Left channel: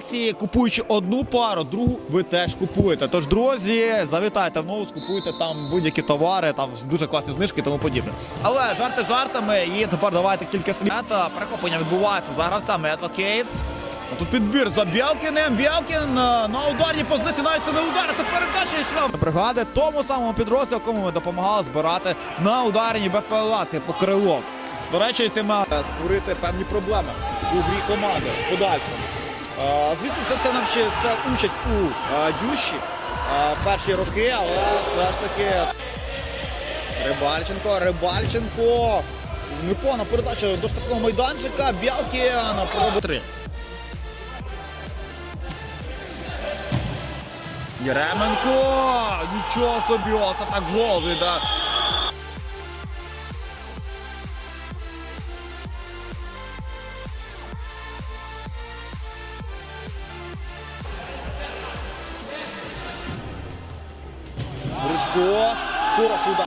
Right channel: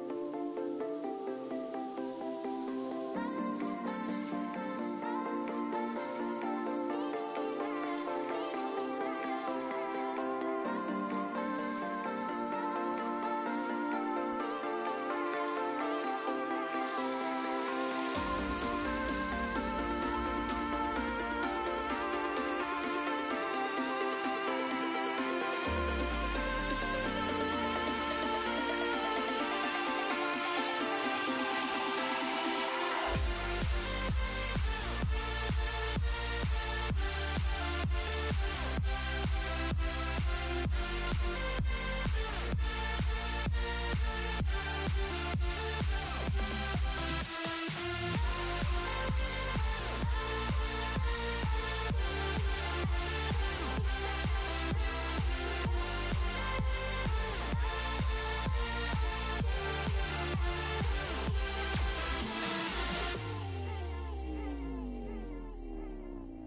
акції, купуючи одну пару, другу ви теж купуєте. Тож, друзі, завітайте в нову, купуйте там будь-які товари, там дуже класні знижки і тому подібне. Але жарти жартами, і тепер давайте кілька слів. Перехоплення відбувається за гравцями Advocates. Тут підбір за Бєлкіним. Бєлкін е, на ударній позиції, навіть це не удар, це передача і. Бригади тому самому підрозділу, якому ми допомагали збирати на ударні БПЛА по крило. До речі, йтиме створити певні проблеми у грі команди подальше. Це все нам ще це у е, дюші е, перші роки, але все ж таки Рибальченко, Рибальченко. Непогана передача до штрафного майданчика. Бялкін проби три. Єременко! Нічого собі, це так гол відда. Гришко. Хороший удар.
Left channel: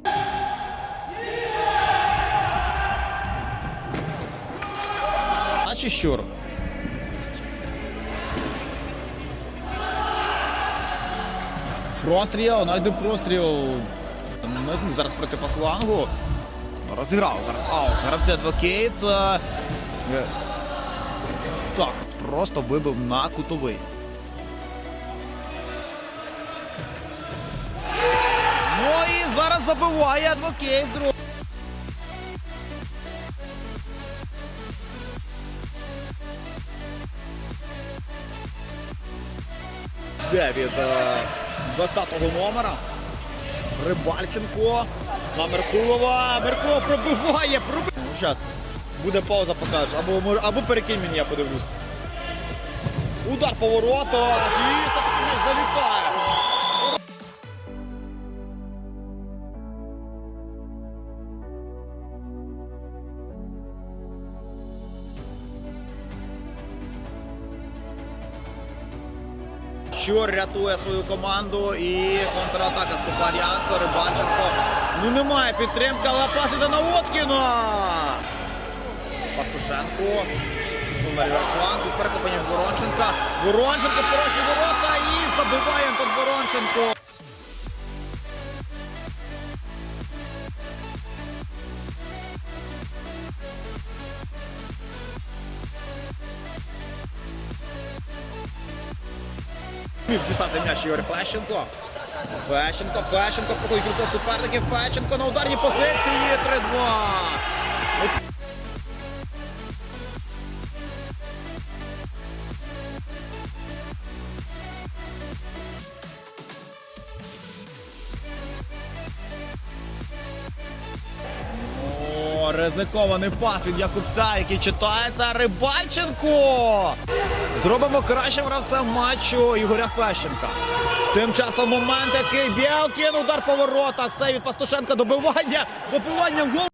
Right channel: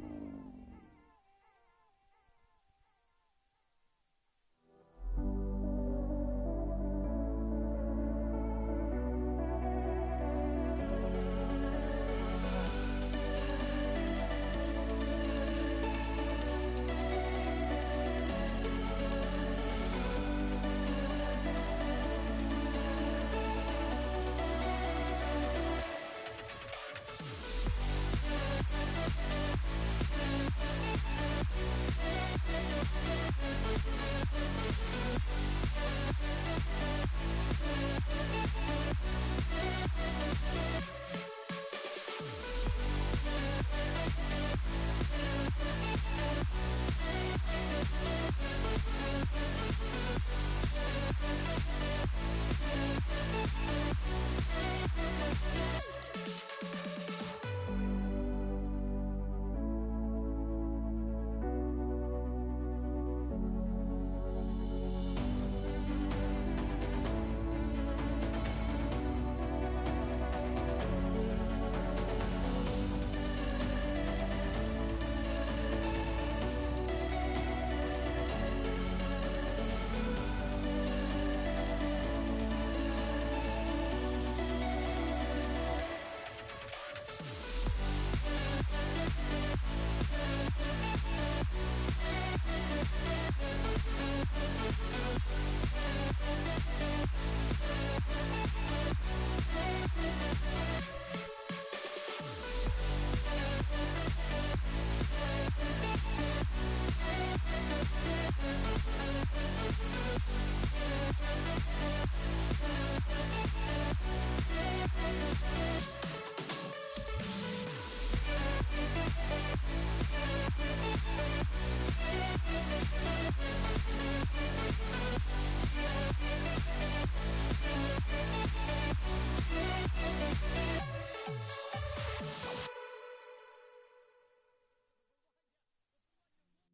Наче щур. Простріл, найде простріл. Не зміг зараз проти по флангу. Розіграв зараз аут. Advocates. Е, Так, просто вибив на кутовий. Забиває Advocates. друг. Де від е, 20-го номера. Рибальченко на Меркулова. Меркулов пробиває. Пробив... Зараз буде пауза, покажеш. Або, або перекинь мені, я подивлюсь. Удар по воротах і залітає. Щур рятує свою команду і контратака з Попарянцо, Рибанченко. Ну немає підтримки, але пас іде на Воткіна. Пастушенко. Тут перехоплення Воронченка. Воронченко порожні ворота і забиває Антон Воронченко. Міг дістати м'яч Ігор Пещенко. Пещенко, Пещенко проходить руку суперників. Пещенко на ударній позиції. 3-2. Ризикований пас від Якубця, який читається Рибальченко. Зробимо кращим гравцем матчу Ігоря Пещенка. Тим часом момент, який Білкін, удар по воротах, все від Пастушенка, добивання, добивання гол.